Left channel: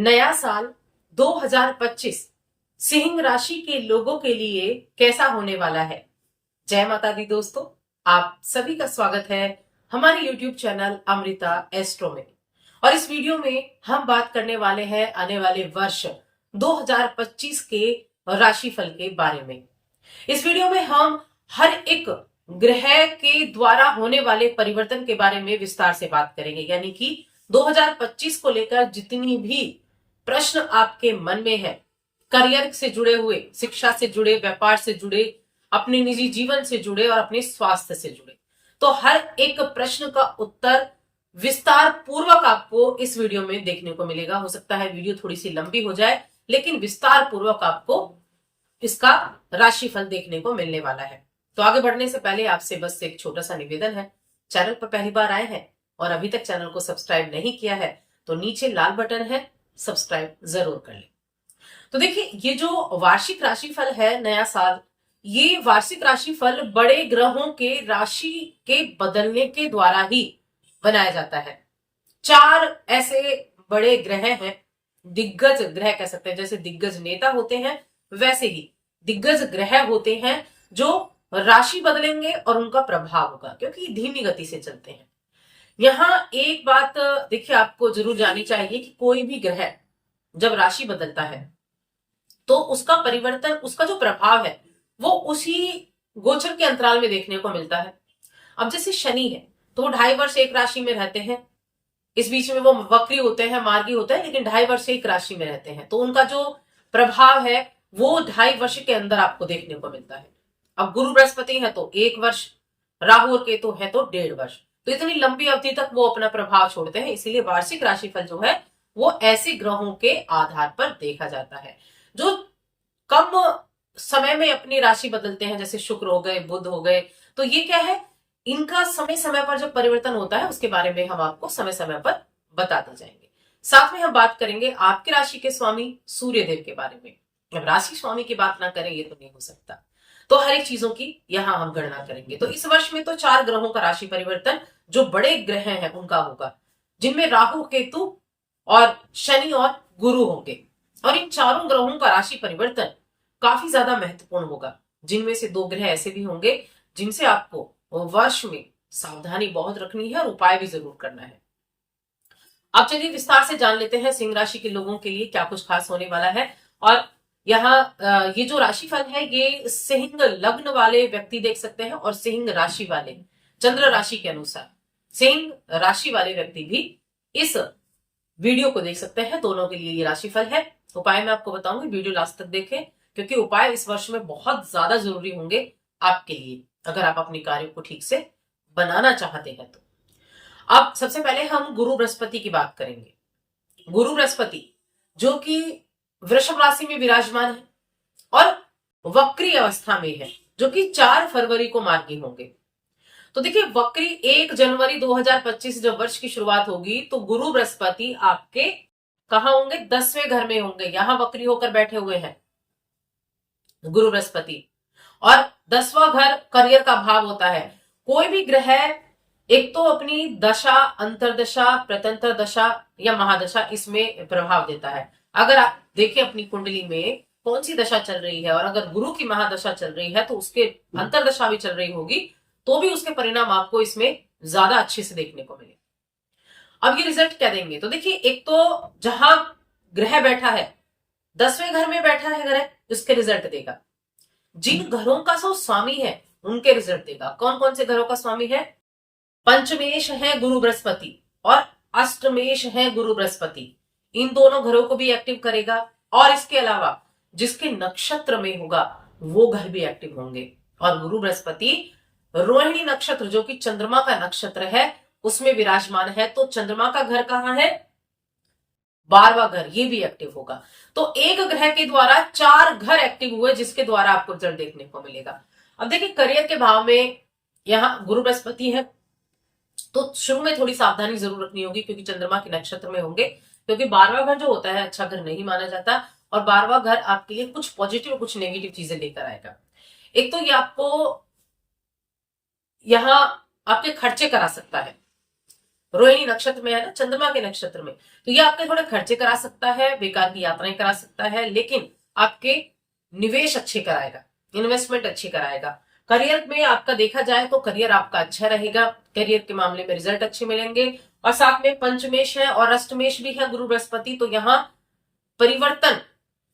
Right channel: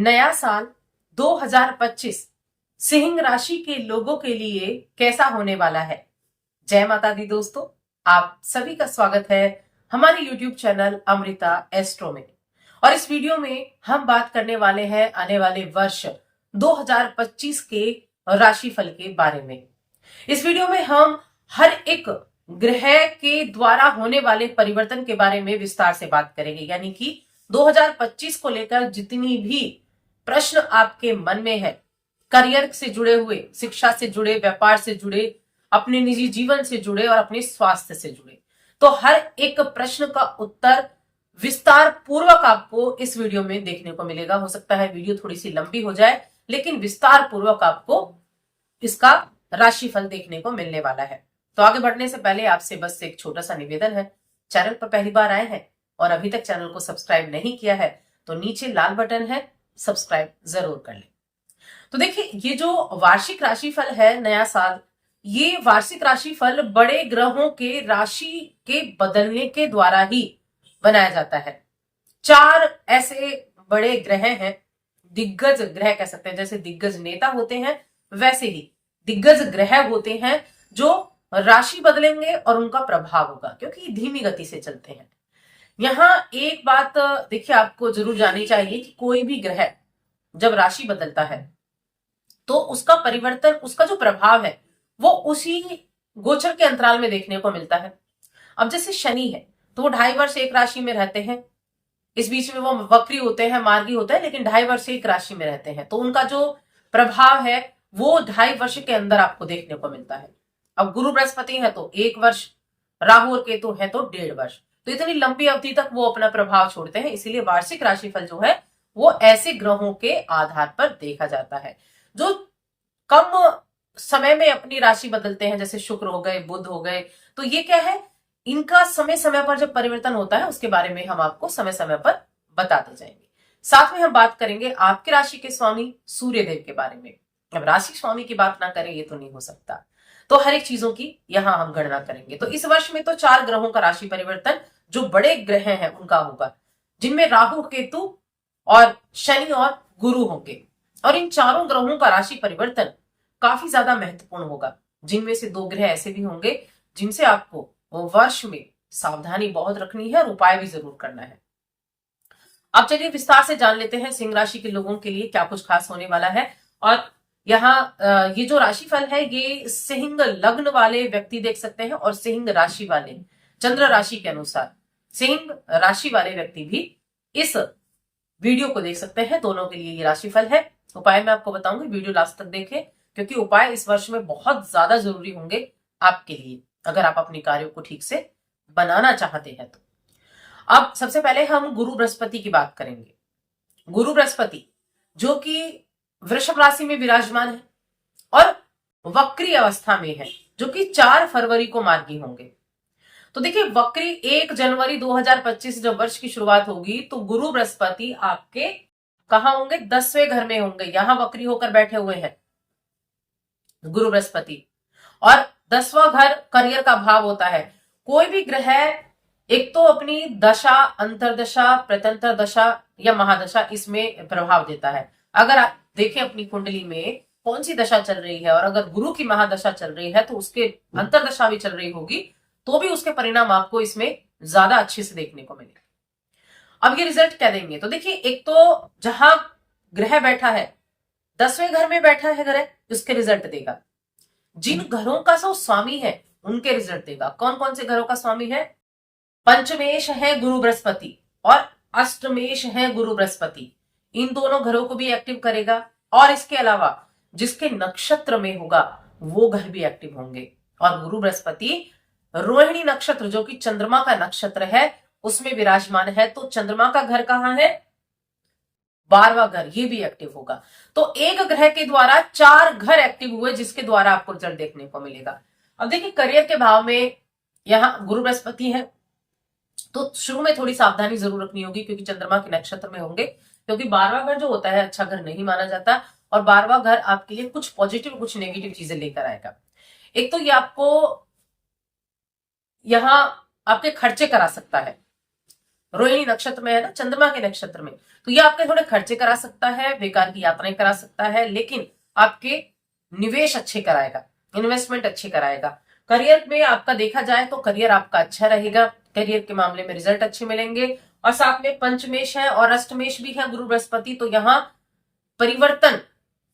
नया साल 2025 सिंह राशि के लोगों के लिए कैसा होने वाला है। जय माता दी दोस्तों, आप सभी का स्वागत है हमारे YouTube चैनल अमृता एस्ट्रो में। और इस वीडियो में हम बात करने वाले हैं आने वाले वर्ष 2025 के राशिफल के बारे में। इस वीडियो में हम हर एक ग्रह के द्वारा होने वाले परिवर्तन के बारे में विस्तार से बात करेंगे, यानी कि 2025 को लेकर जितनी भी प्रश्न आपके मन में है, करियर से जुड़े हुए, शिक्षा से जुड़े, व्यापार से जुड़े, अपने निजी जीवन से जुड़े और अपने स्वास्थ्य से जुड़े, तो हर एक प्रश्न का उत्तर विस्तार पूर्वक आपको इस वीडियो में देखने को मिलेगा। हो सकता है वीडियो थोड़ी सी लंबी हो जाए, लेकिन विस्तार पूर्वक आपको इसका राशिफल देखने को मिलने वाला है। तो आगे बढ़ने से पहले आपसे बस एक छोटा सा निवेदन है, चैनल पर पहली बार आए हैं और अभी तक चैनल को सब्सक्राइब नहीं किया है तो नीचे लाल बटन है, सब्सक्राइब जरूर कर लें। तो देखिए, ये जो वार्षिक राशिफल है नया साल, ये वार्षिक राशिफल बड़े ग्रहों के राशि के बदलने के द्वारा ही बनाया जाता है। 4 ऐसे बड़े ग्रह हैं, दिग्गज ग्रह कह सकते हैं, जैसे दिग्गज नेता होते हैं वैसे ही दिग्गज ग्रह होते हैं जो राशि बदलेंगे और उनका प्रभाव होगा, क्योंकि धीमी गति से चलते हैं। यहां एक बात देखिए आपको जरूर जाननी चाहिए कि कोई भी ग्रह जब राशि बदलता है तो उसका परिवर्तन, उसका जो प्रभाव है वो उसी गोचर के अंतराल में देखने को मिलता है। अब जैसे शनि है तो वो 2.5 वर्ष एक राशि में रहते हैं, इस बीच में वो वक्री होते हैं, मार्गी होते हैं, लेकिन 2.5 वर्ष एक राशि में रहते हैं, तो उनका जो प्रभाव है वो 2.5 वर्ष के अंदर आपको देखने को मिलता है। अब गुरु बृहस्पति है तो 1 वर्ष, राहु और केतु है तो 1.5 वर्ष, तो इतनी लंबी अवधि तक वो अपना प्रभाव छोड़ते हैं। इसीलिए वार्षिक राशिफल जो है वो ऐसे ग्रहों के आधार पर देखा जाता है जो कम समय में अपनी राशि बदलते हैं, जैसे शुक्र हो गए, बुध हो गए। तो ये क्या है, इनका समय समय पर जब परिवर्तन होता है उसके बारे में हम आपको समय समय पर बताते जाएंगे। साथ में हम बात करेंगे आपकी राशि के स्वामी सूर्य देव के बारे में। अब राशि स्वामी की बात ना करें ये तो नहीं हो सकता, तो हर एक चीजों की यहां हम गणना करेंगे। तो इस वर्ष में तो 4 ग्रहों का राशि परिवर्तन जो बड़े ग्रह हैं उनका होगा, जिनमें राहु, केतु और शनि और गुरु होंगे। और इन चारों ग्रहों का राशि परिवर्तन काफी ज्यादा महत्वपूर्ण होगा, जिनमें से 2 ग्रह ऐसे भी होंगे जिनसे आपको वर्ष में सावधानी बहुत रखनी है और उपाय भी जरूर करना है। अब चलिए विस्तार से जान लेते हैं सिंह राशि के लोगों के लिए क्या कुछ खास होने वाला है। और यहाँ ये जो राशिफल है ये सिंह लग्न वाले व्यक्ति देख सकते हैं और सिंह राशि वाले, चंद्र राशि के अनुसार सिंह राशि वाले व्यक्ति भी इस वीडियो को देख सकते हैं। दोनों के लिए ये राशिफल है। उपाय मैं आपको बताऊंगी, वीडियो लास्ट तक देखें, क्योंकि उपाय इस वर्ष में बहुत ज्यादा जरूरी होंगे आपके लिए अगर आप अपने कार्यों को ठीक से बनाना चाहते हैं तो। अब सबसे पहले हम गुरु बृहस्पति की बात करेंगे। गुरु बृहस्पति जो कि वृषभ राशि में विराजमान है और वक्री अवस्था में है, जो कि 4 फरवरी को मार्गी होंगे। तो देखिए, वक्री 1 जनवरी 2025 जब वर्ष की शुरुआत होगी तो गुरु बृहस्पति आपके कहां होंगे, 10वें घर में होंगे। यहां वक्री होकर बैठे हुए हैं गुरु बृहस्पति, और 10वां घर करियर का भाव होता है। कोई भी ग्रह एक तो अपनी दशा, अंतरदशा, प्रत्यंतर दशा या महादशा, इसमें प्रभाव देता है। अगर आप देखें अपनी कुंडली में कौन सी दशा चल रही है और अगर गुरु की महादशा चल रही है तो उसके अंतरदशा भी चल रही होगी, तो भी उसके परिणाम आपको इसमें ज्यादा अच्छे से देखने को मिलेगा। अब ये रिजल्ट क्या देंगे, तो देखिए, एक तो जहां ग्रह बैठा है, 10वें घर में बैठा है ग्रह, उसके रिजल्ट देगा। जिन घरों का सो स्वामी है उनके रिजल्ट देगा। कौन कौन से घरों का स्वामी है, पंचमेश है गुरु बृहस्पति और अष्टमेश है गुरु बृहस्पति, इन दोनों घरों को भी एक्टिव करेगा। और इसके अलावा जिसके नक्षत्र में होगा वो घर भी एक्टिव होंगे। और गुरु बृहस्पति रोहिणी नक्षत्र जो कि चंद्रमा का नक्षत्र है उसमें विराजमान है, तो चंद्रमा का घर कहां है, 12वां घर, ये भी एक्टिव होगा। तो एक ग्रह के द्वारा 4 घर एक्टिव हुए, जिसके द्वारा आपको रिजल्ट देखने को मिलेगा। अब देखिए, करियर के भाव में यहां गुरु बृहस्पति है तो शुरू में थोड़ी सावधानी जरूर रखनी होगी, क्योंकि चंद्रमा के नक्षत्र में होंगे, क्योंकि 12वां घर जो होता है अच्छा घर नहीं माना जाता, और 12वां घर आपके लिए कुछ पॉजिटिव कुछ नेगेटिव चीजें लेकर आएगा। एक तो ये आपको यहां आपके खर्चे करा सकता है, रोहिणी नक्षत्र में है ना, चंद्रमा के नक्षत्र में, तो ये आपके थोड़े खर्चे करा सकता है, बेकार की यात्राएं करा सकता है, लेकिन आपके निवेश अच्छे कराएगा, इन्वेस्टमेंट अच्छी कराएगा। करियर में आपका देखा जाए तो करियर आपका अच्छा रहेगा, करियर के मामले में रिजल्ट अच्छे मिलेंगे। और साथ में पंचमेश है और अष्टमेश भी है गुरु बृहस्पति, तो यहाँ परिवर्तन,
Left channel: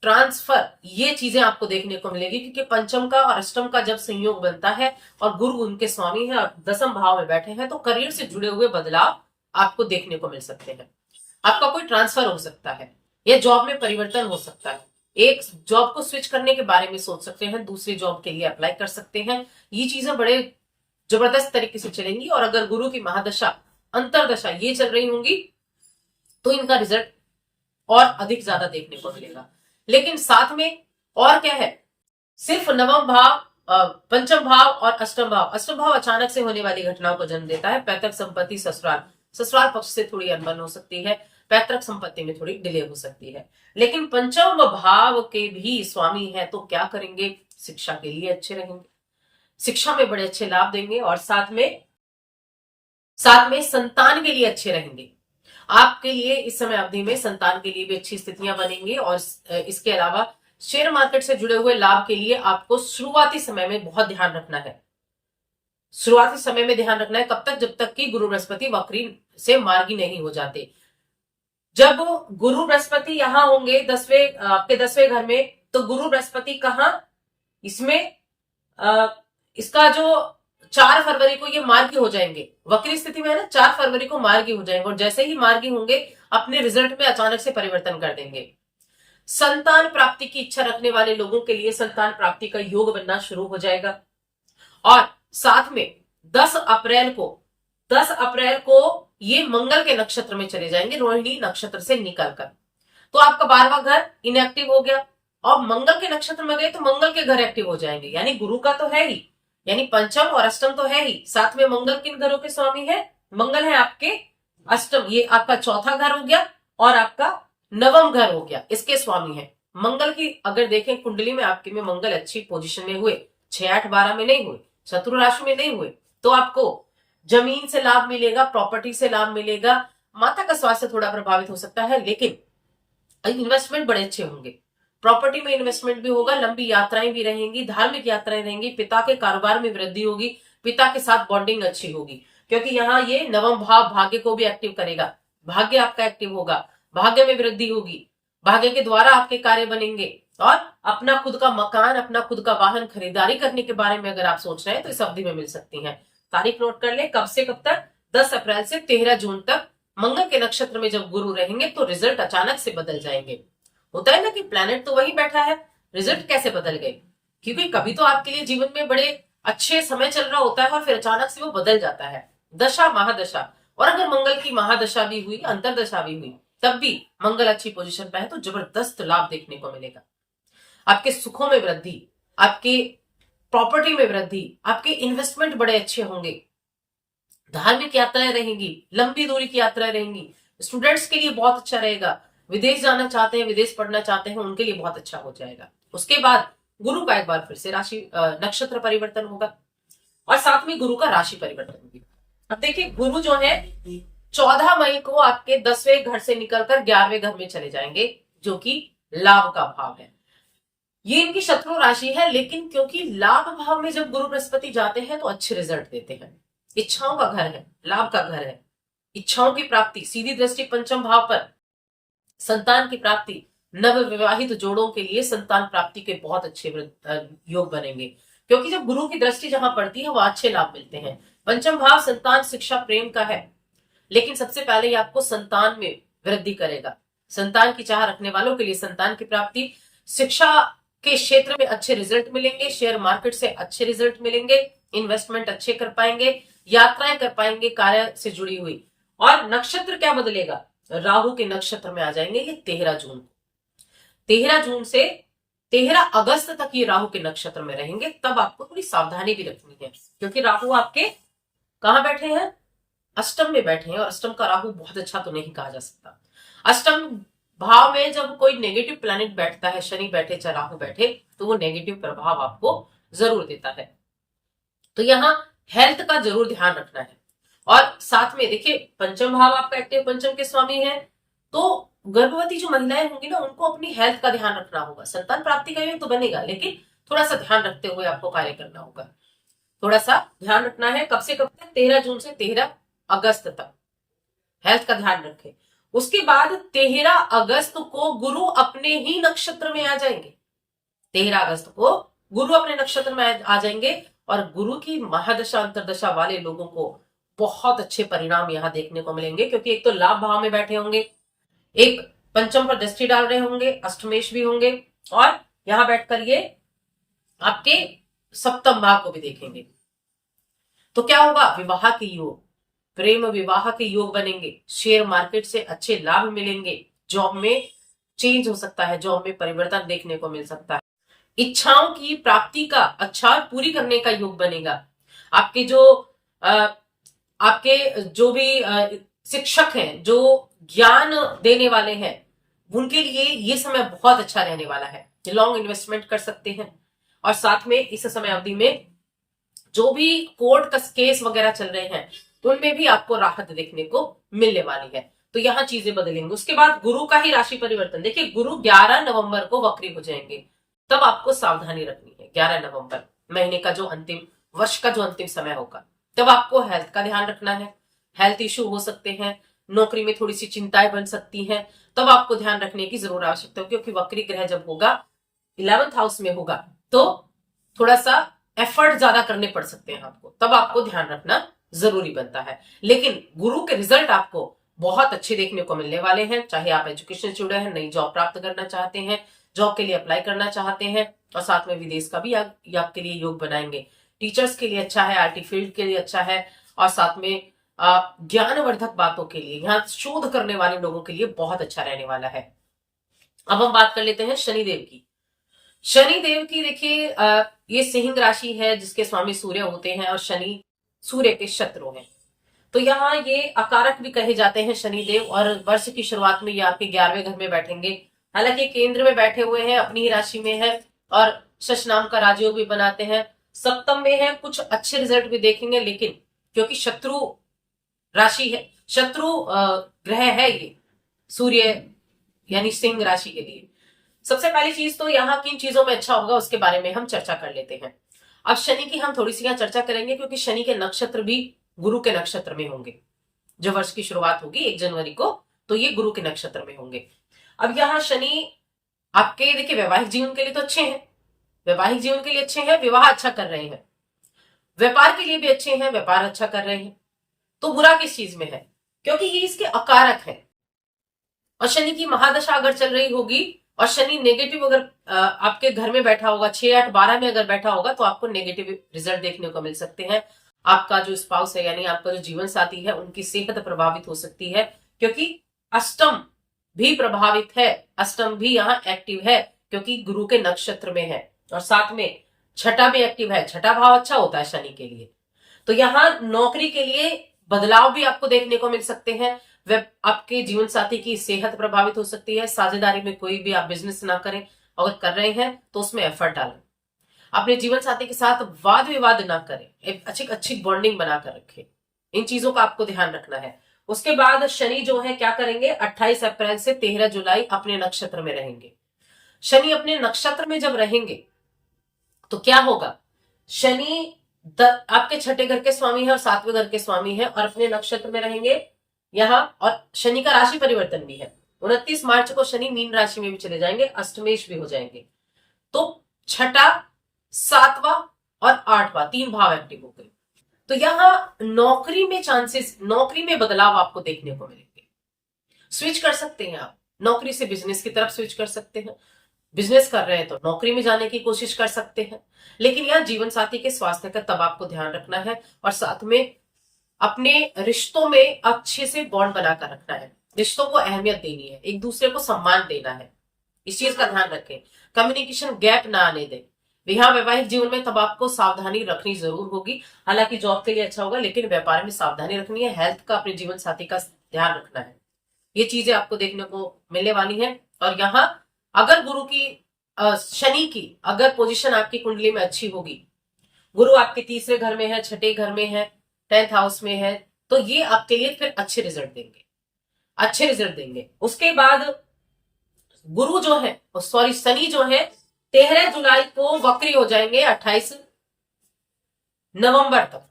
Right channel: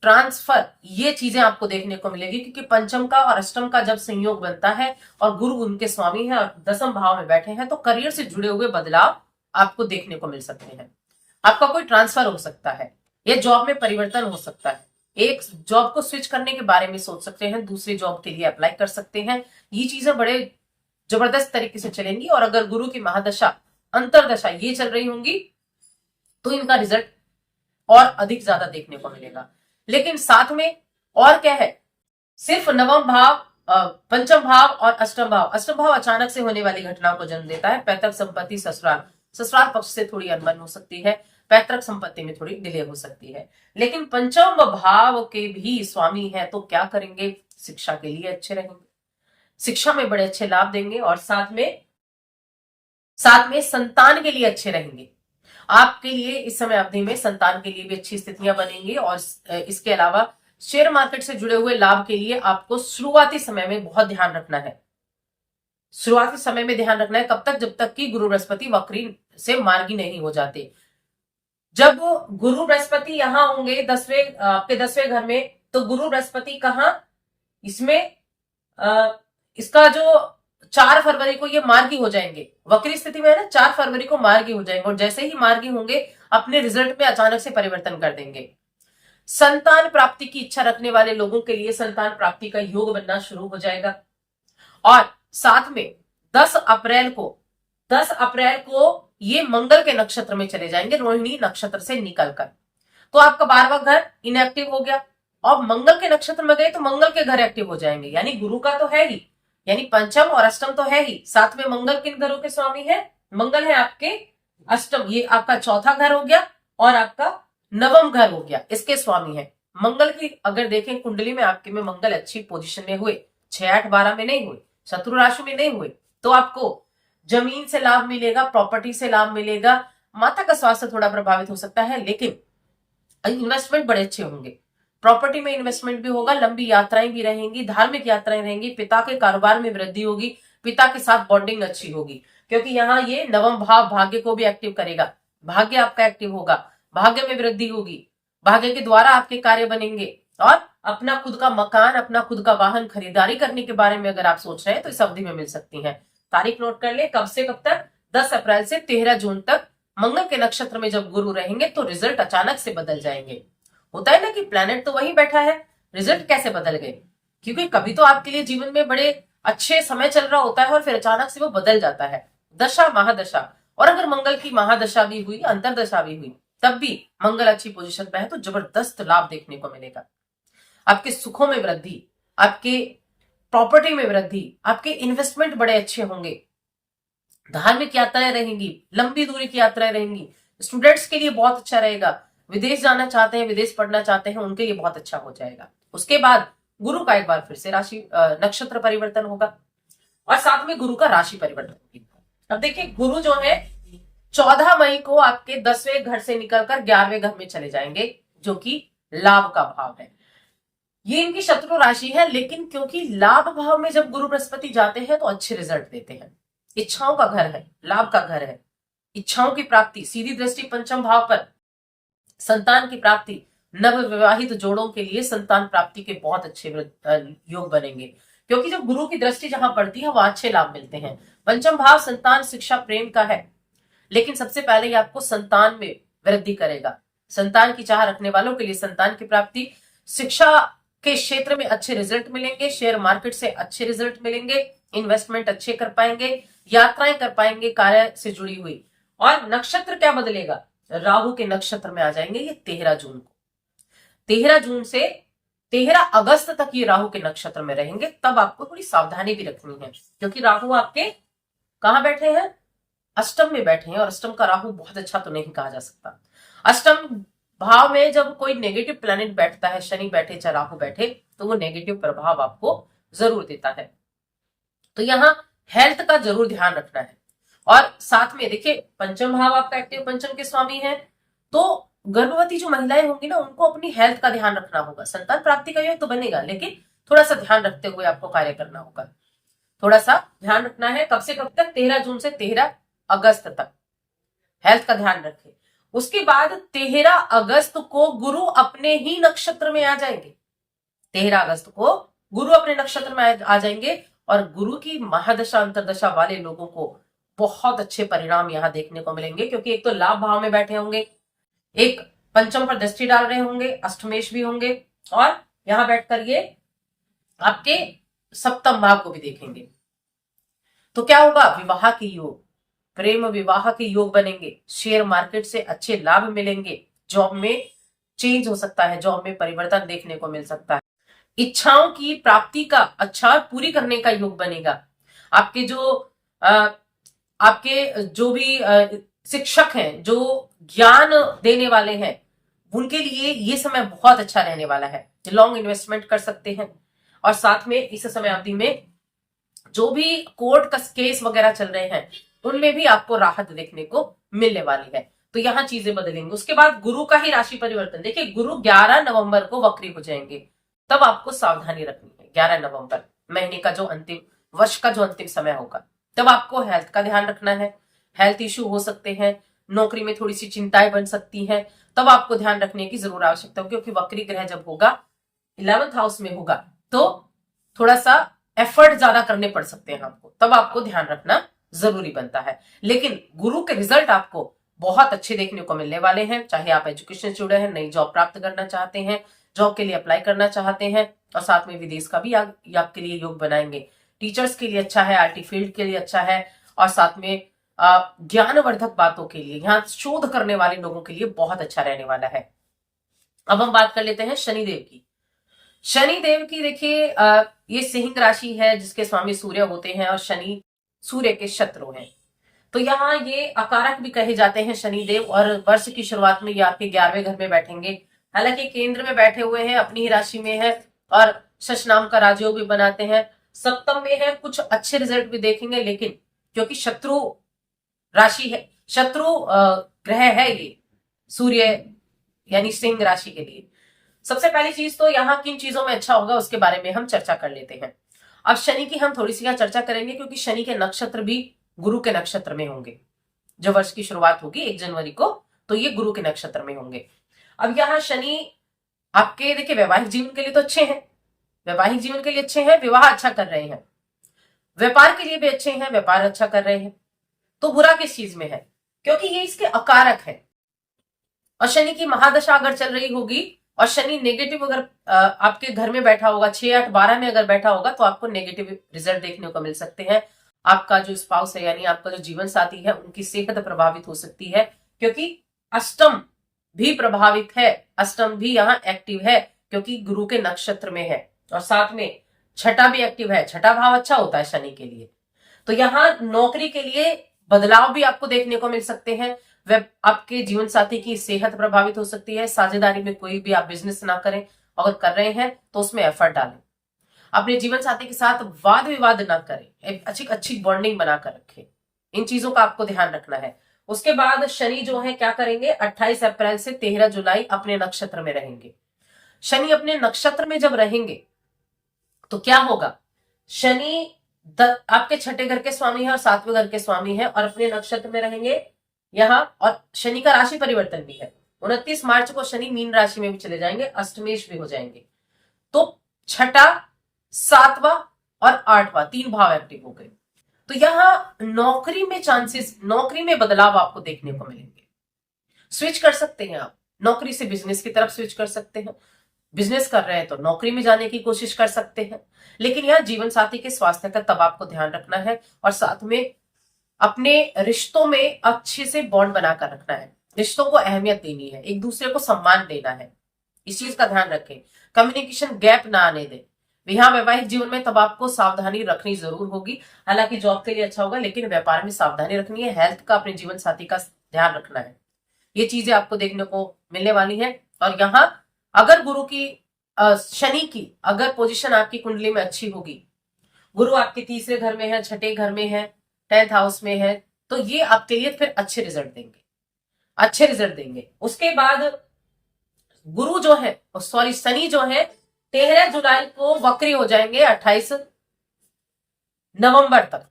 ट्रांसफर, ये चीजें आपको देखने को मिलेगी, क्योंकि पंचम का और अष्टम का जब संयोग बनता है और गुरु उनके स्वामी है और दसम भाव में बैठे हैं, तो करियर से जुड़े हुए बदलाव आपको देखने को मिल सकते हैं। आपका कोई ट्रांसफर हो सकता है या जॉब में परिवर्तन हो सकता है, एक जॉब को स्विच करने के बारे में सोच सकते हैं, दूसरी जॉब के लिए अप्लाई कर सकते हैं। ये चीजें बड़े जबरदस्त तरीके से चलेंगी। और अगर गुरु की महादशा, अंतरदशा ये चल रही होंगी तो इनका रिजल्ट और अधिक ज्यादा देखने को मिलेगा। लेकिन साथ में और क्या है, सिर्फ नवम भाव, पंचम भाव और अष्टम भाव, अष्टम भाव अचानक से होने वाली घटनाओं को जन्म देता है। पैतृक संपत्ति, ससुराल, ससुराल पक्ष से थोड़ी अनबन हो सकती है, पैतृक संपत्ति में थोड़ी डिले हो सकती है। लेकिन पंचम भाव के भी स्वामी है, तो क्या करेंगे, शिक्षा के लिए अच्छे रहेंगे, शिक्षा में बड़े अच्छे लाभ देंगे। और साथ में संतान के लिए अच्छे रहेंगे। आपके लिए इस समय अवधि में संतान के लिए भी अच्छी स्थितियां बनेंगी। और इसके अलावा शेयर मार्केट से जुड़े हुए लाभ के लिए आपको शुरुआती समय में बहुत ध्यान रखना है। शुरुआती समय में ध्यान रखना है, कब तक, जब तक कि गुरु बृहस्पति वक्री से मार्गी नहीं हो जाते। जब गुरु बृहस्पति यहां होंगे आपके 10वें घर में, तो गुरु बृहस्पति कहां, इसमें इसका जो 4 फरवरी को ये मार्गी हो जाएंगे, वक्री स्थिति में है ना, 4 फरवरी को मार्गी हो जाएंगे। और जैसे ही मार्गी होंगे अपने रिजल्ट में अचानक से परिवर्तन कर देंगे। संतान प्राप्ति की इच्छा रखने वाले लोगों के लिए संतान प्राप्ति का योग बनना शुरू हो जाएगा। और साथ में 10 अप्रैल को ये मंगल के नक्षत्र में चले जाएंगे, रोहिणी नक्षत्र से निकलकर। तो आपका 12वां घर इनएक्टिव हो गया और मंगल के नक्षत्र में गए तो मंगल के घर एक्टिव हो जाएंगे। यानी गुरु का तो है ही, यानी पंचम और अष्टम तो है ही, साथ में मंगल किन घरों के स्वामी है, मंगल है आपके अष्टम, ये आपका चौथा घर हो गया और आपका नवम घर हो गया, इसके स्वामी है। मंगल की अगर देखें कुंडली में आपके में मंगल अच्छी पोजीशन में हुए, 6, 8, 12 में नहीं हुए, शत्रु राशि में नहीं हुए, तो आपको जमीन से लाभ मिलेगा, प्रॉपर्टी से लाभ मिलेगा। माता का स्वास्थ्य थोड़ा प्रभावित हो सकता है, लेकिन इन्वेस्टमेंट बड़े अच्छे होंगे, प्रॉपर्टी में इन्वेस्टमेंट भी होगा, लंबी यात्राएं भी रहेंगी, धार्मिक यात्राएं रहेंगी, पिता के कारोबार में वृद्धि होगी, पिता के साथ बॉन्डिंग अच्छी होगी, क्योंकि यहाँ ये नवम भाव भाग्य को भी एक्टिव करेगा, भाग्य आपका एक्टिव होगा, भाग्य में वृद्धि होगी, भाग्य के द्वारा आपके कार्य बनेंगे। और अपना खुद का मकान, अपना खुद का वाहन खरीदारी करने के बारे में अगर आप सोच रहे हैं तो इस अवधि में मिल सकती है। तारीख नोट कर ले, कब से कब तक, 10 अप्रैल से 13 जून तक मंगल के नक्षत्र में जब गुरु रहेंगे तो रिजल्ट अचानक से बदल जाएंगे। होता है ना कि प्लैनेट तो वही बैठा है, रिजल्ट कैसे बदल गए, क्योंकि कभी तो आपके लिए जीवन में बड़े अच्छे समय चल रहा होता है और फिर अचानक से वो बदल जाता है, दशा महादशा। और अगर मंगल की महादशा भी हुई, अंतरदशा भी हुई, तब भी मंगल अच्छी पोजीशन पे है तो जबरदस्त लाभ देखने को मिलेगा। आपके सुखों में वृद्धि, आपके प्रॉपर्टी में वृद्धि, आपके इन्वेस्टमेंट बड़े अच्छे होंगे, धार्मिक यात्राएं रहेंगी, लंबी दूरी की यात्राएं रहेंगी, स्टूडेंट्स के लिए बहुत अच्छा रहेगा, विदेश जाना चाहते हैं, विदेश पढ़ना चाहते हैं, उनके लिए बहुत अच्छा हो जाएगा। उसके बाद गुरु का एक बार फिर से राशि नक्षत्र परिवर्तन होगा और साथ में गुरु का राशि परिवर्तन भी। अब देखिए, गुरु जो है 14 मई को आपके 10वें घर से निकलकर 11वें घर में चले जाएंगे, जो कि लाभ का भाव है। ये इनकी शत्रु राशि है, लेकिन क्योंकि लाभ भाव में जब गुरु बृहस्पति जाते हैं तो अच्छे रिजल्ट देते हैं। इच्छाओं का घर है, लाभ का घर है, इच्छाओं की प्राप्ति, सीधी दृष्टि पंचम भाव पर, संतान की प्राप्ति, नव विवाहित जोड़ों के लिए संतान प्राप्ति के बहुत अच्छे योग बनेंगे, क्योंकि जब गुरु की दृष्टि जहां पड़ती है वहां अच्छे लाभ मिलते हैं। पंचम भाव संतान, शिक्षा, प्रेम का है, लेकिन सबसे पहले ये आपको संतान में वृद्धि करेगा। संतान की चाह रखने वालों के लिए संतान की प्राप्ति, शिक्षा के क्षेत्र में अच्छे रिजल्ट मिलेंगे, शेयर मार्केट से अच्छे रिजल्ट मिलेंगे, इन्वेस्टमेंट अच्छे कर पाएंगे, यात्राएं कर पाएंगे कार्य से जुड़ी हुई। और नक्षत्र क्या बदलेगा, राहु के नक्षत्र में आ जाएंगे ये 13 जून को। 13 जून से 13 अगस्त तक ये राहु के नक्षत्र में रहेंगे। तब आपको थोड़ी सावधानी भी रखनी है, क्योंकि राहु आपके कहां बैठे हैं, अष्टम में बैठे हैं, और अष्टम का राहु बहुत अच्छा तो नहीं कहा जा सकता। अष्टम भाव में जब कोई नेगेटिव प्लैनेट बैठता है, शनि बैठे चाहे राहु बैठे, तो वो नेगेटिव प्रभाव आपको जरूर देता है। तो यहाँ हेल्थ का जरूर ध्यान रखना है। और साथ में देखिए पंचम भाव आपका एक्टिव पंचम के स्वामी है, तो गर्भवती जो महिलाएं होंगी ना, उनको अपनी हेल्थ का ध्यान रखना होगा। संतान प्राप्ति का योग तो बनेगा, लेकिन थोड़ा सा ध्यान रखते हुए आपको कार्य करना होगा। थोड़ा सा ध्यान रखना है। कब से कब तक? 13 जून से 13 अगस्त तक हेल्थ का ध्यान रखें। उसके बाद 13 अगस्त को गुरु अपने ही नक्षत्र में आ जाएंगे। 13 अगस्त को गुरु अपने नक्षत्र में आ जाएंगे और गुरु की महादशा अंतरदशा वाले लोगों को बहुत अच्छे परिणाम यहां देखने को मिलेंगे, क्योंकि एक तो लाभ भाव में बैठे होंगे, एक पंचम पर दृष्टि डाल रहे होंगे, अष्टमेश भी होंगे, और यहां बैठकर ये आपके सप्तम भाव को भी देखेंगे। तो क्या होगा? विवाह के योग, प्रेम विवाह के योग बनेंगे, शेयर मार्केट से अच्छे लाभ मिलेंगे, जॉब में चेंज हो सकता है, जॉब में परिवर्तन देखने को मिल सकता है, इच्छाओं की प्राप्ति का अच्छा पूरी करने का योग बनेगा। आपके जो भी शिक्षक हैं, जो ज्ञान देने वाले हैं, उनके लिए ये समय बहुत अच्छा रहने वाला है। लॉन्ग इन्वेस्टमेंट कर सकते हैं। और साथ में इस समय अवधि में जो भी कोर्ट का केस वगैरह चल रहे हैं, उनमें भी आपको राहत देखने को मिलने वाली है। तो यहां चीजें बदलेंगी। उसके बाद गुरु का ही राशि परिवर्तन, देखिए गुरु 11 नवंबर को वक्री हो जाएंगे, तब आपको सावधानी रखनी है। 11 नवंबर महीने का जो अंतिम वर्ष का जो अंतिम समय होगा, तब आपको हेल्थ का ध्यान रखना है। हेल्थ इश्यू हो सकते हैं, नौकरी में थोड़ी सी चिंताएं बन सकती हैं, तब आपको ध्यान रखने की जरूर आवश्यकता है, क्योंकि वक्री ग्रह जब होगा 11th हाउस में होगा, तो थोड़ा सा एफर्ट ज्यादा करने पड़ सकते हैं आपको, तब आपको ध्यान रखना जरूरी बनता है। लेकिन गुरु के रिजल्ट आपको बहुत अच्छे देखने को मिलने वाले हैं। चाहे आप एजुकेशन से जुड़े हैं, नई जॉब प्राप्त करना चाहते हैं, जॉब के लिए अप्लाई करना चाहते हैं, और साथ में विदेश का भी आपके लिए योग बनाएंगे। टीचर्स के लिए अच्छा है, आईटी फील्ड के लिए अच्छा है, और साथ में ज्ञानवर्धक बातों के लिए, यहाँ शोध करने वाले लोगों के लिए बहुत अच्छा रहने वाला है। अब हम बात कर लेते हैं शनिदेव की। शनिदेव की देखिए ये सिंह राशि है, जिसके स्वामी सूर्य होते हैं, और शनि सूर्य के शत्रु हैं। तो यहाँ ये अकारक भी कहे जाते हैं शनिदेव, और वर्ष की शुरुआत में ये आपके 11वें घर में बैठेंगे। हालांकि केंद्र में बैठे हुए हैं, अपनी ही राशि में है, और शश नाम का राजयोग भी बनाते हैं। सप्तम में है, कुछ अच्छे रिजल्ट भी देखेंगे, लेकिन क्योंकि शत्रु राशि है, शत्रु ग्रह है ये सूर्य यानी सिंह राशि के लिए, सबसे पहली चीज तो यहाँ किन चीजों में अच्छा होगा उसके बारे में हम चर्चा कर लेते हैं। अब शनि की हम थोड़ी सी यहाँ चर्चा करेंगे, क्योंकि शनि के नक्षत्र भी गुरु के नक्षत्र में होंगे। जो वर्ष की शुरुआत होगी 1 जनवरी को, तो ये गुरु के नक्षत्र में होंगे। अब यहाँ शनि आपके देखिए वैवाहिक जीवन के लिए तो अच्छे हैं, वैवाहिक जीवन के लिए अच्छे हैं, विवाह अच्छा कर रहे हैं, व्यापार के लिए भी अच्छे हैं, व्यापार अच्छा कर रहे हैं। तो बुरा किस चीज में है? क्योंकि ये इसके अकारक है, और शनि की महादशा अगर चल रही होगी, और शनि नेगेटिव अगर आपके घर में बैठा होगा, 6, 8, 12 में अगर बैठा होगा, तो आपको नेगेटिव रिजल्ट देखने को मिल सकते हैं। आपका जो स्पाउस है, यानी आपका जो जीवन साथी है, उनकी सेहत प्रभावित हो सकती है, क्योंकि अष्टम भी प्रभावित है, अष्टम भी यहाँ एक्टिव है, क्योंकि गुरु के नक्षत्र में है, और साथ में छठा भी एक्टिव है। छठा भाव अच्छा होता है शनि के लिए। तो यहाँ नौकरी के लिए बदलाव भी आपको देखने को मिल सकते हैं। वह आपके जीवन साथी की सेहत प्रभावित हो सकती है। साझेदारी में कोई भी आप बिजनेस ना करें, अगर कर रहे हैं तो उसमें एफर्ट डालें। अपने जीवन साथी के साथ वाद विवाद ना करें, एक अच्छी बॉन्डिंग बनाकर रखें। इन चीजों का आपको ध्यान रखना है। उसके बाद शनि जो है क्या करेंगे, 28 अप्रैल से 13 जुलाई अपने नक्षत्र में रहेंगे। शनि अपने नक्षत्र में जब रहेंगे तो क्या होगा, शनि आपके छठे घर के स्वामी है और 7वें घर के स्वामी है, और अपने नक्षत्र में रहेंगे यहाँ। और शनि का राशि परिवर्तन भी है, 29 मार्च को शनि मीन राशि में भी चले जाएंगे, अष्टमेश भी हो जाएंगे। तो छठा, 7वां और 8वां 3 भाव एक्टिव हो गए। तो यहाँ नौकरी में चांसेस, नौकरी में बदलाव आपको देखने को मिलेंगे। स्विच कर सकते हैं आप, नौकरी से बिजनेस की तरफ स्विच कर सकते हैं। बिजनेस कर रहे हैं तो नौकरी में जाने की कोशिश कर सकते हैं। लेकिन यहाँ जीवन साथी के स्वास्थ्य का तब आपको ध्यान रखना है, और साथ में अपने रिश्तों में अच्छे से बॉन्ड बनाकर रखना है। रिश्तों को अहमियत देनी है, एक दूसरे को सम्मान देना है, इस चीज का ध्यान रखें। कम्युनिकेशन गैप ना आने दें। यहाँ वैवाहिक जीवन में तब आपको सावधानी रखनी जरूर होगी। हालांकि जॉब के लिए अच्छा होगा, लेकिन व्यापार में सावधानी रखनी है। हेल्थ का, अपने जीवन साथी का ध्यान रखना है। ये चीजें आपको देखने को मिलने वाली है। और यहाँ अगर गुरु की शनि की अगर पोजीशन आपकी कुंडली में अच्छी होगी, गुरु आपके तीसरे घर में है, छठे घर में है, 10th हाउस में है, तो ये आपके लिए फिर अच्छे रिजल्ट देंगे, अच्छे रिजल्ट देंगे। उसके बाद गुरु जो है, सॉरी शनि जो है 13 जुलाई को वक्री हो जाएंगे 28 नवंबर तक।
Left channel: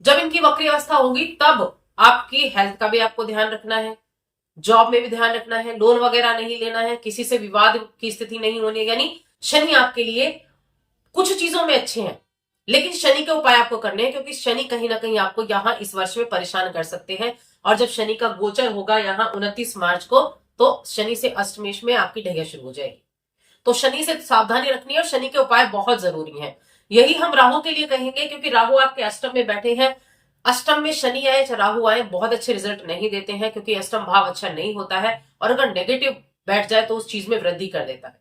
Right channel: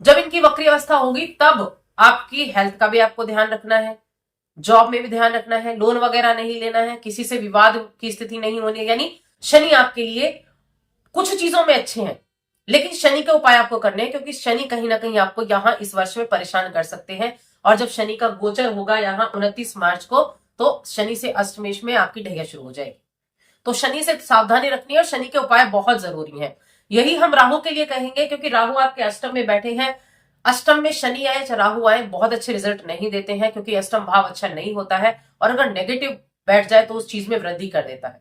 जब इनकी वक्री अवस्था होगी तब आपकी हेल्थ का भी आपको ध्यान रखना है, जॉब में भी ध्यान रखना है, लोन वगैरह नहीं लेना है, किसी से विवाद की स्थिति नहीं होनी है। यानी शनि आपके लिए कुछ चीजों में अच्छे हैं, लेकिन शनि के उपाय आपको करने हैं, क्योंकि शनि कहीं ना कहीं आपको यहां इस वर्ष में परेशान कर सकते हैं। और जब शनि का गोचर होगा यहां 29 मार्च को, तो शनि से अष्टमेश में आपकी ढैया शुरू हो जाएगी। तो शनि से सावधानी रखनी है और शनि के उपाय बहुत जरूरी हैं। यही हम राहु के लिए कहेंगे, क्योंकि राहु आपके अष्टम में बैठे हैं। अष्टम में शनि आए चाहे राहु आए बहुत अच्छे रिजल्ट नहीं देते हैं, क्योंकि अष्टम भाव अच्छा नहीं होता है, और अगर नेगेटिव बैठ जाए तो उस चीज में वृद्धि कर देता है।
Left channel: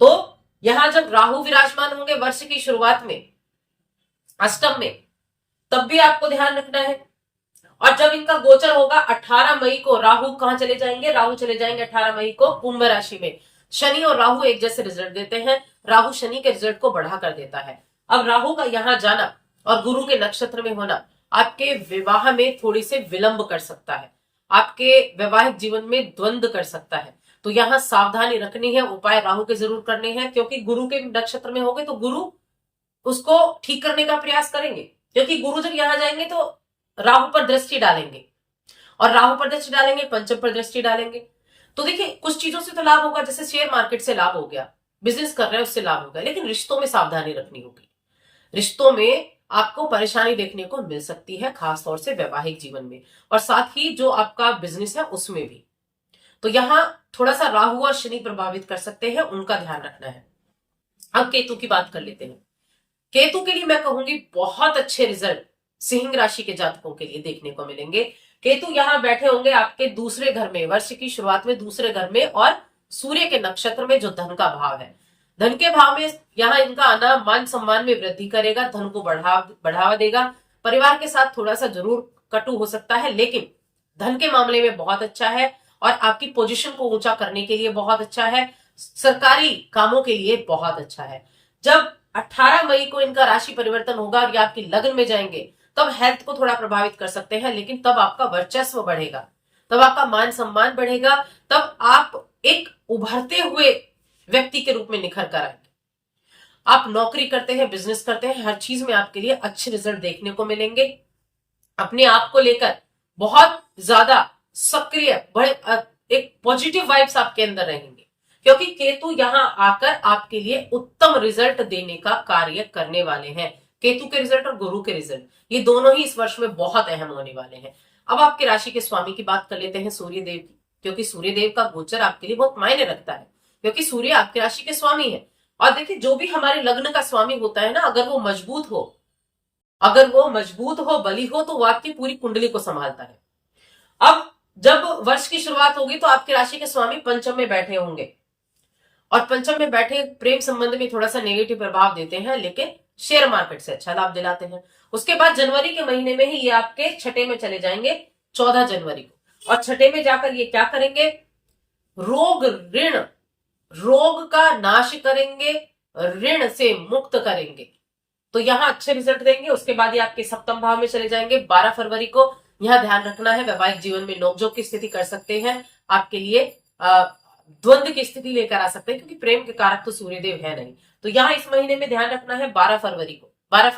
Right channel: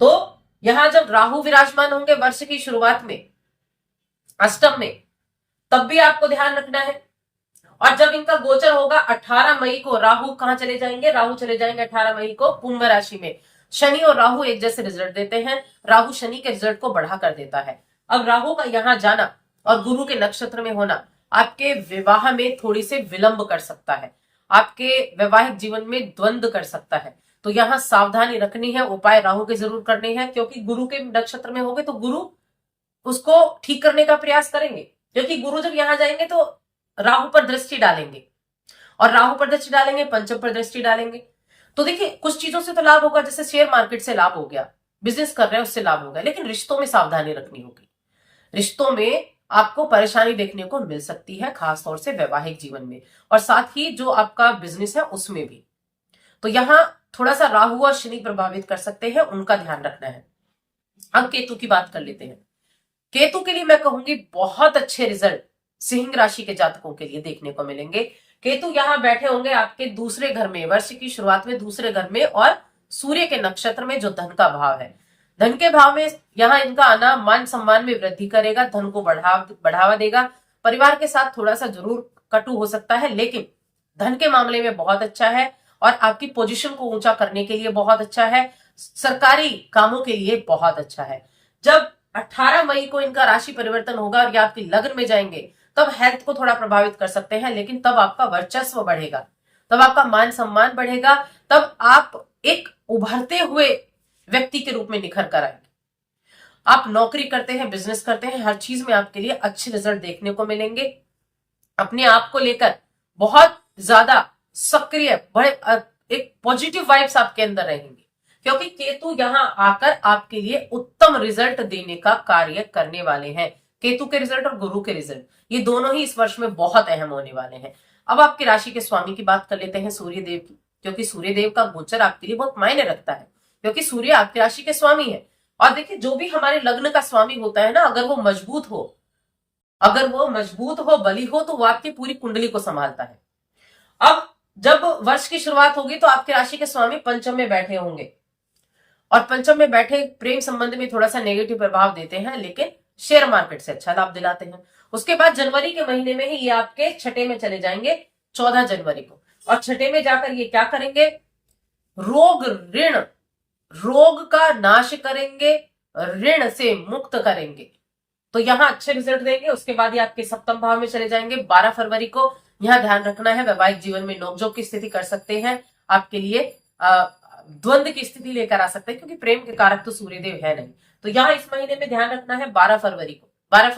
तो यहां जब राहु विराजमान होंगे वर्ष की शुरुआत में अष्टम में, तब भी आपको ध्यान रखना है। और जब इनका गोचर होगा 18 मई को, राहु कहां चले जाएंगे, राहु चले जाएंगे 18 मई को कुंभ राशि में। शनि और राहु एक जैसे रिजल्ट देते हैं, राहु शनि के रिजल्ट को बढ़ा कर देता है। अब राहु का यहां जाना और गुरु के नक्षत्र में होना आपके विवाह में थोड़ी से विलंब कर सकता है, आपके वैवाहिक जीवन में द्वंद्व कर सकता है। तो यहां सावधानी रखनी है, उपाय राहु के जरूर करने हैं, क्योंकि गुरु के नक्षत्र में होंगे तो गुरु उसको ठीक करने का प्रयास करेंगे। क्योंकि गुरु जब यहां जाएंगे तो राहु पर दृष्टि डालेंगे, और राहु पर दृष्टि डालेंगे, पंचम पर दृष्टि डालेंगे। तो देखिए कुछ चीजों से तो लाभ होगा, जैसे शेयर मार्केट से लाभ हो गया, बिजनेस कर रहे हैं उससे लाभ होगा, लेकिन रिश्तों में सावधानी रखनी होगी। रिश्तों में आपको परेशानी देखने को मिल सकती है, खासतौर से वैवाहिक जीवन में, और साथ ही जो आपका बिजनेस है उसमें भी। तो यहां थोड़ा सा राहु और शनि प्रभावित कर सकते हैं, उनका ध्यान रखना है। अब केतु की बात कर लेते हैं। केतु के लिए मैं कहूंगी बहुत अच्छे रिजल्ट सिंह राशि के जातकों के लिए देखने को मिलेंगे। केतु यहां बैठे होंगे आपके दूसरे घर में, वर्ष की शुरुआत में दूसरे घर में, और सूर्य के नक्षत्र में, जो धन का भाव है। धन के भाव में यहां इनका आना मान सम्मान में वृद्धि करेगा, धन को बढ़ावा देगा। परिवार के साथ थोड़ा सा जरूर कटु हो सकता है, लेकिन धन के मामले में बहुत अच्छा है, और आपकी पोजीशन को ऊंचा करने के लिए बहुत अच्छा है, सरकारी कामों के लिए बहुत अच्छा है। जब 18 मई को इनका राशि परिवर्तन होगा और ये आपकी लग्न में जाएंगे, तब हेल्थ को थोड़ा प्रभावित कर सकते हैं, लेकिन तब आपका वर्चस्व बढ़ेगा, तब आपका मान सम्मान बढ़ेगा, तब आप एक उभरते हुए व्यक्ति के रूप में निखर कर आएंगे। आप नौकरी करते हैं, बिजनेस करते हैं, हर चीज में आपके लिए अच्छे रिजल्ट देखने को मिलेंगे। अपने आप को लेकर बहुत ज्यादा सक्रिय, एक पॉजिटिव वाइब्स आपके अंदर रहेंगे, क्योंकि केतु यहां आकर आपके लिए उत्तम रिजल्ट देने का कार्य करने वाले हैं। केतु के रिजल्ट और गुरु के रिजल्ट, ये दोनों ही इस वर्ष में बहुत अहम होने वाले हैं। अब आपकी राशि के स्वामी की बात कर लेते हैं, सूर्यदेव की, क्योंकि सूर्यदेव का गोचर आपके लिए बहुत मायने रखता है, क्योंकि सूर्य आपकी राशि के स्वामी है। और देखिए जो भी हमारे लग्न का स्वामी होता है ना, अगर वो मजबूत हो, बली हो, तो वो आपकी पूरी कुंडली को संभालता है। अब जब वर्ष की शुरुआत होगी तो आपकी राशि के स्वामी पंचम में बैठे होंगे, और पंचम में बैठे प्रेम संबंध में थोड़ा सा नेगेटिव प्रभाव देते हैं, लेकिन शेयर मार्केट से अच्छा लाभ दिलाते हैं। उसके बाद जनवरी के महीने में ही ये आपके छठे में चले जाएंगे, 14 जनवरी को, और छठे में जाकर ये क्या करेंगे, रोग का नाश करेंगे, ऋण से मुक्त करेंगे। तो यहां अच्छे रिजल्ट देंगे। उसके बाद ये आपके सप्तम भाव में चले जाएंगे 12 फरवरी को। यहां ध्यान रखना है, वैवाहिक जीवन में नोकझोंक की स्थिति कर सकते हैं, आपके लिए द्वंद्व की स्थिति लेकर आ सकते हैं, क्योंकि प्रेम के कारक तो सूर्यदेव है नहीं। तो यहां इस महीने में ध्यान रखना है 12 फरवरी को, 12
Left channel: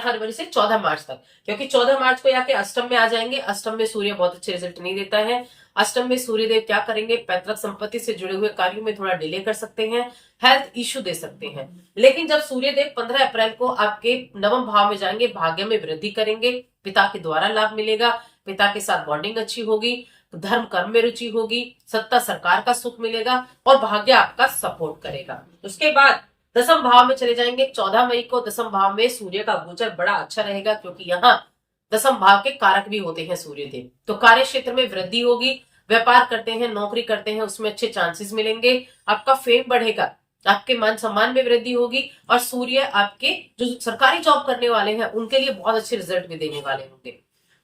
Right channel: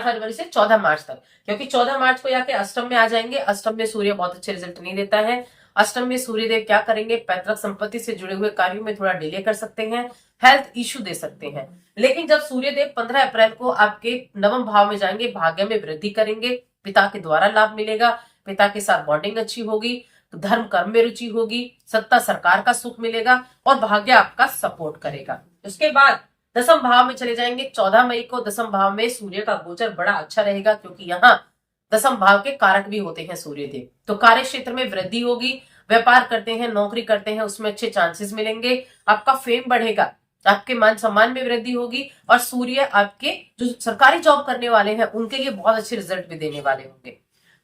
फरवरी से 14 मार्च तक, क्योंकि 14 मार्च को यहाँ के अष्टम में आ जाएंगे। अष्टम में सूर्य बहुत अच्छे रिजल्ट नहीं देता है। अष्टम में सूर्यदेव क्या करेंगे, पैतृक संपत्ति से जुड़े हुए कार्यों में थोड़ा डिले कर सकते हैं, हेल्थ इश्यू दे सकते हैं। लेकिन जब सूर्यदेव 15 अप्रैल को आपके नवम भाव में जाएंगे, भाग्य में वृद्धि करेंगे, पिता के द्वारा लाभ मिलेगा, पिता के साथ बॉन्डिंग अच्छी होगी, धर्म कर्म में रुचि होगी, सत्ता सरकार का सुख मिलेगा, और भाग्य आपका सपोर्ट करेगा। उसके बाद दसम भाव में चले जाएंगे 14 मई को। दसम भाव में सूर्य का गोचर बड़ा अच्छा रहेगा, क्योंकि यहाँ दसम भाव के कारक भी होते हैं सूर्यदेव। तो कार्य क्षेत्र में वृद्धि होगी, व्यापार करते हैं, नौकरी करते हैं, उसमें अच्छे चांसेस मिलेंगे, आपका फेम बढ़ेगा, आपके मान सम्मान में वृद्धि होगी, और सूर्य आपके जो सरकारी जॉब करने वाले हैं उनके लिए बहुत अच्छे रिजल्ट भी देने वाले होंगे।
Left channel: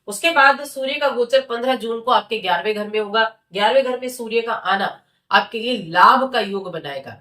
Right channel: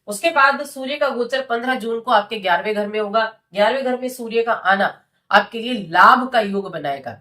उसके बाद सूर्य का गोचर 15 जून को आपके 11वें घर में होगा। 11वें घर में सूर्य का आना आपके लिए लाभ का योग बनाएगा।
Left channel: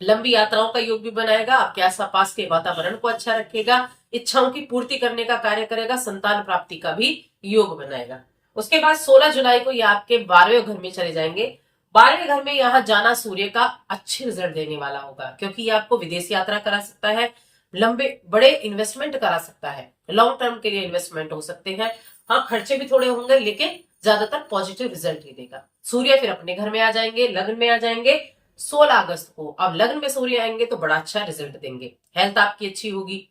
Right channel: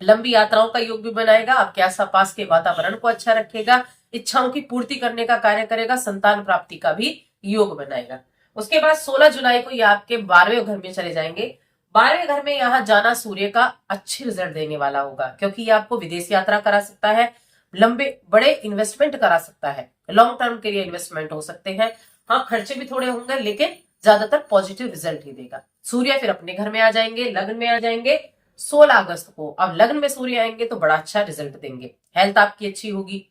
लंबी यात्राओं का योग भी बनाएगा, आपके आसपास के वातावरण को अच्छा रखेगा, इच्छाओं की पूर्ति करने का कार्य करेगा, संतान प्राप्ति का भी योग बनाएगा। उसके बाद 16 जुलाई को ये आपके 12वें घर में चले जाएंगे। 12वें घर में यहाँ जाना सूर्य का अच्छे रिजल्ट देने वाला होगा, क्योंकि ये आपको विदेश यात्रा करा सकता है, लंबे बड़े इन्वेस्टमेंट करा सकता है, लॉन्ग टर्म के लिए इन्वेस्टमेंट हो सकते हैं। हाँ, खर्चे भी थोड़े होंगे, लेकिन ज्यादातर पॉजिटिव रिजल्ट ही देगा। सूर्य फिर अपने घर में आ जाएंगे, लग्न में आ जाएंगे 16 अगस्त को। अब लग्न में सूर्य आएंगे तो बड़ा अच्छा रिजल्ट देंगे। हेल्थ आपकी अच्छी होगी,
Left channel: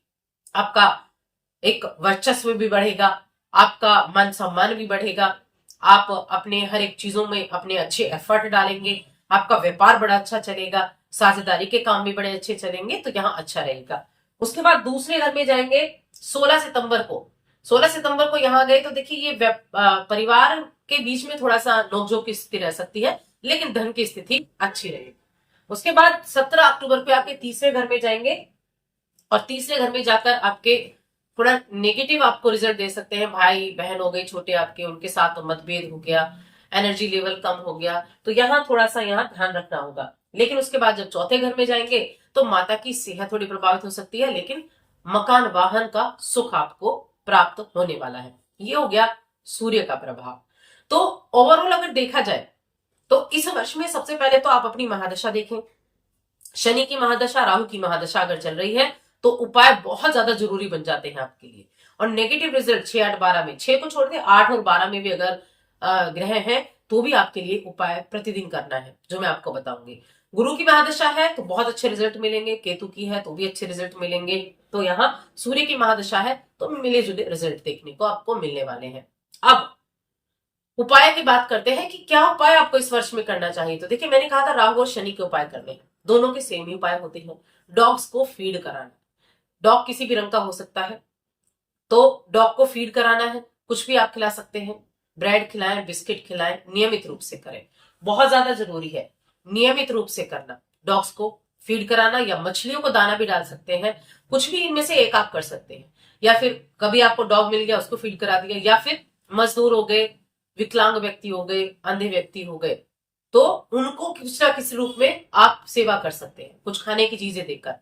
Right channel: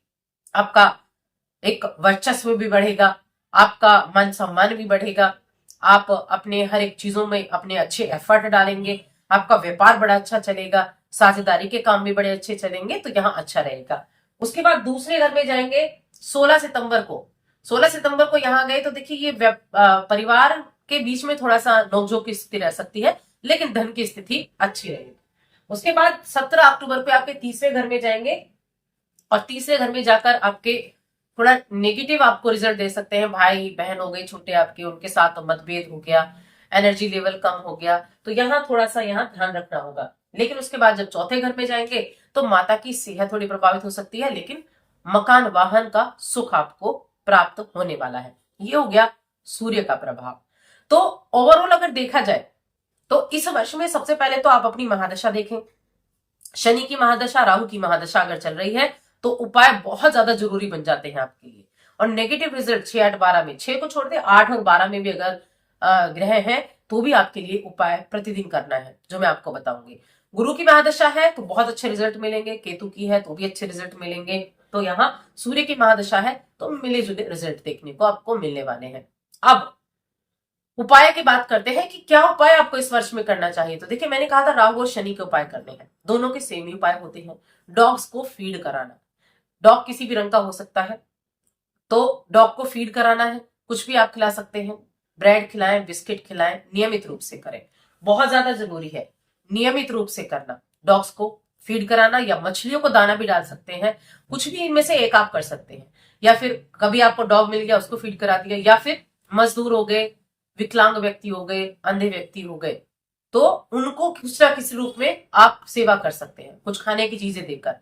आपका एक वर्चस्व भी बढ़ेगा, आपका मान सम्मान भी बढ़ेगा, आप अपने हर एक चीजों में अपने अच्छे एफर्ट डालेंगे, आपका व्यापार बड़ा अच्छा चलेगा, साझेदारी के काम भी बड़े अच्छे चलेंगे, तो यहाँ अच्छा रहेगा। उसके बाद दूसरे घर में जाएंगे 16 सितंबर को। 16 सितंबर को यहाँ गए तो देखिए ये परिवार के बीच में थोड़ा सा नोकझोंक की स्थिति रह सकती है, लेकिन धन की स्थिति अच्छी रहेगी। उसके बाद 17 अक्टूबर को आपके तीसरे घर में जाएंगे, और तीसरे घर में जाकर आपके थोड़ा नेगेटिव आपको रिजल्ट दे सकते हैं। भाई बहन हो गए छोटे आपके, उनके साथ मतभेद हो गया, एनर्जी लेवल कम हो गया, तो यहाँ थोड़ा सा यहाँ ध्यान रखना होगा। लेकिन उसके बाद जब चौथे घर में जाएंगे तो माता की सेहत थोड़ी प्रभावित हो सकती है, लेकिन मकान वाहन का सुख आपको प्राप्त होने वाला है। ये हो गया सूर्य का प्रभाव। तो ओवरऑल अगर देखा जाए तो इस वर्ष में सबसे पहले तो आप अपनी महादशा देखें। शनि की महादशा, राहु की महादशा अगर चल रही है तो उपाय बहुत ज्यादा जरूरी बन जाते हैं आपके लिए। और नेगेटिव रिजल्ट 6, 8, 12 में, 6 को छोड़ दे 8 और 12 में भी अगर ग्रह है तो भी आपके लिए उपाय प्रतिदिन करना है, जो मैं आपको बताऊंगी। गुरु की महादशा है तो बहुत अच्छे रिजल्ट मिलेंगे, केतु की है तो भी अच्छे रिजल्ट मिलेंगे। तो यहाँ सूर्य की महादशा है तो मिले जुले रिजल्ट देखने को आपको मिलने वाले हैं। अब उपाय की बात करते हैं कि क्या उपाय आपको इस वर्ष में करना चाहिए। तो देखिए, मैंने कहा था राहु और शनि के उपाय करने हैं, दोनों के सेम ही उपाय होते हैं। डॉग्स को फीड कराना, डॉग किसी भी रंग का हो सकता है, तो डॉग को फीड कराना है। कुछ भी आप खिला सकते हैं, ब्रेड खिलाएं, बिस्किट खिलाएं, नियमित रूप से करें, बहुत ज्यादा जरूरी है नियमित रूप से करना। डॉग्स को फीड कराना, या मछलियों को दाना भी डाल सकते हैं, कुछ भी इनमें से एक आप कर सकते हैं। या फिर कभी आपको डॉग मिल गया, उसको फीड करा दिया, या फिर मजदूर हो गए, विकलांग व्यक्ति हो गए, अंधे व्यक्ति हो गए, तो उनको किसी ना किसी रूप में आप सेवा कर सकते हैं, कुछ खाने की चीजें देकर।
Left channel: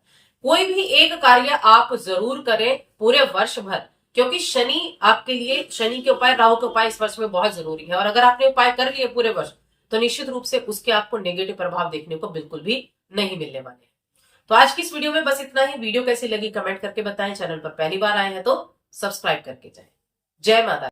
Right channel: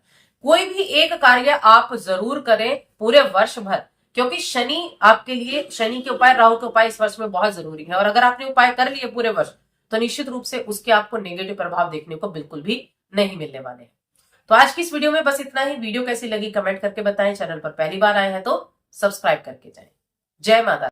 कोई भी एक कार्य आप जरूर करें पूरे वर्ष भर, क्योंकि शनि आपके लिए, शनि के उपाय, राहु के उपाय इस वर्ष में बहुत जरूरी है। और अगर आपने उपाय कर लिए पूरे वर्ष तो निश्चित रूप से उसके आपको नेगेटिव प्रभाव देखने को बिल्कुल भी नहीं मिलने वाले हैं। तो आज की इस वीडियो में बस इतना ही। वीडियो कैसी लगी कमेंट करके बताएं, चैनल पर पहली बार आए हैं तो सब्सक्राइब करके जाएं। जय माता।